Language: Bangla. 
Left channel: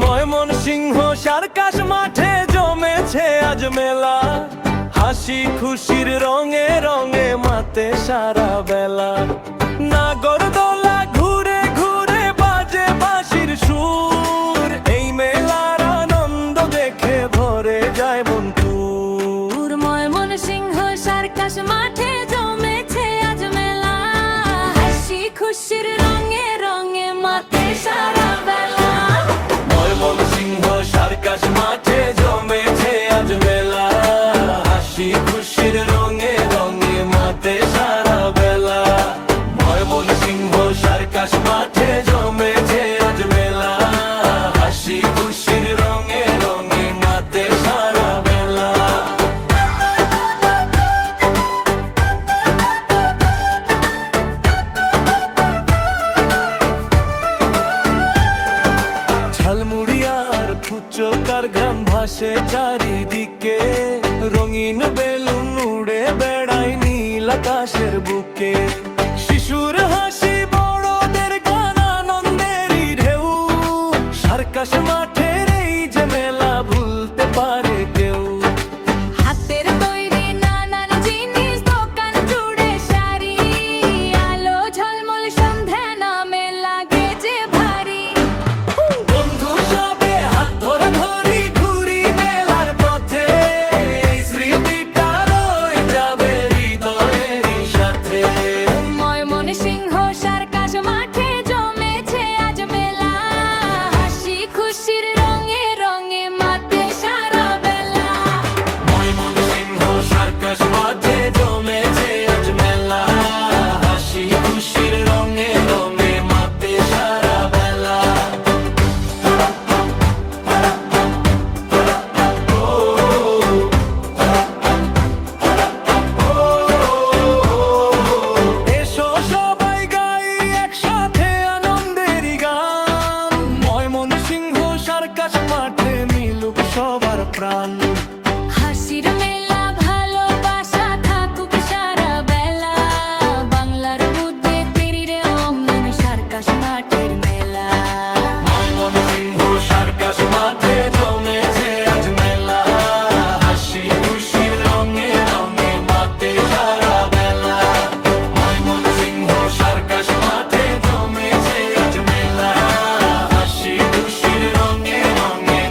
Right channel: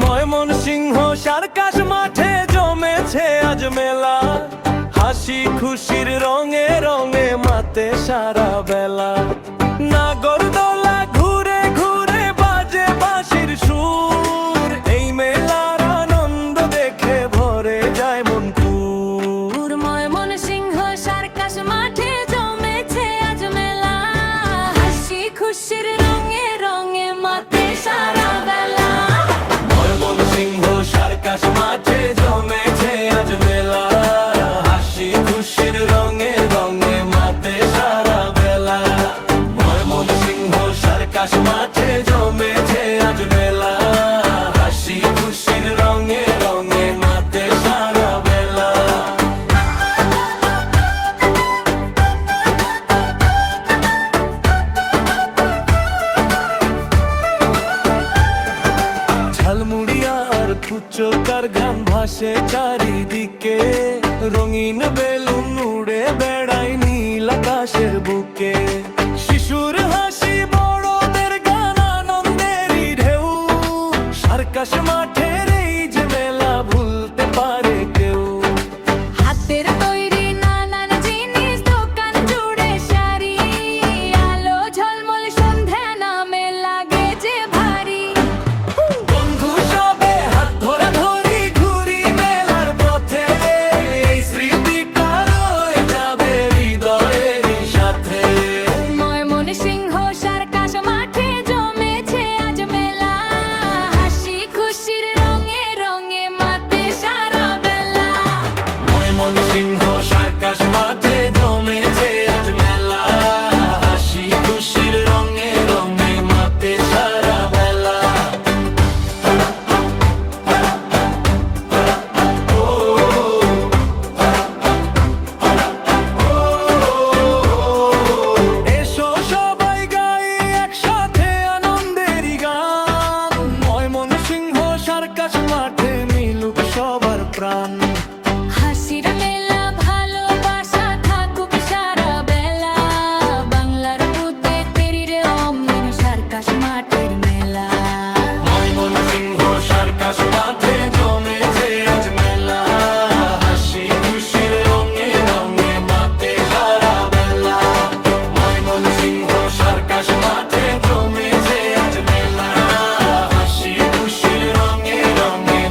ময়মনসিংহ সার্কাস মাঠে জমেছে আজ মেলা, হাসি খুশির রঙে রঙে মাতে সারা বেলা। নাগরদোলা ঘুরে ঘুরে বাজে বাঁশির সুর, এই মেলার আনন্দ দেখে ভরে যায় মন পুর। ময়মনসিংহ সার্কাস মাঠে জমেছে আজ মেলা, হাসি খুশির রঙে রঙে মাতে সারা বেলা। ময়মনসিংহ সার্কাস মাঠে জমেছে আজ মেলা, হাসি খুশির রঙে রঙে মাতে সারা বেলা। ময়মনসিংহ সার্কাস মাঠে জমেছে আজ মেলা, হাসি খুশির রঙে রঙে মাতে সারা বেলা। ঝালমুড়িয়ার ফুচকার ঘাম ভাসে চারিদিকে, রঙিন বেলুন উড়ে বেড়ায় নীল আকাশের বুকে। শিশুর হাসি বড়দের গান আনন্দেরই ঢেউ, সার্কাস মাঠের এই যে মেলা ভুলতে পারে কেউ। হাতের তৈরি নানান জিনিস দোকান জুড়ে সারি, আলো ঝলমল সন্ধ্যা নামে লাগে যে ভারী। বন্ধু সবে হাত ধরা ধরি ঘুরি মেলার পথে, এই স্মৃতিটা রয়ে যাবে হৃদয়েরই সাথে। ময়মনসিংহ সার্কাস মাঠে জমেছে আজ মেলা, হাসি খুশির রঙে রঙে মাতে সারা বেলা। ময়মনসিংহ সার্কাস মাঠে জমেছে আজ মেলা, হাসি খুশির রঙে রঙে মাতে সারা বেলা। এসো সবাই গাই একসাথে আনন্দেরই গান, ময়মনসিংহ সার্কাস মাঠে মিলুক সবার প্রাণ। হাসির মেলা ভালোবাসা থাকুক সারা বেলা, বাংলার বুদ্ধে তেরি রে অমলিন সার্কাস মাঠের মেলা। ময়মনসিংহ সার্কাস মাঠে জমেছে আজ মেলা, হাসি খুশির রঙে রঙে মাতে সারা বেলা। ময়মনসিংহ সার্কাস মাঠে জমেছে আজ মেলা, হাসি খুশির রঙে রঙে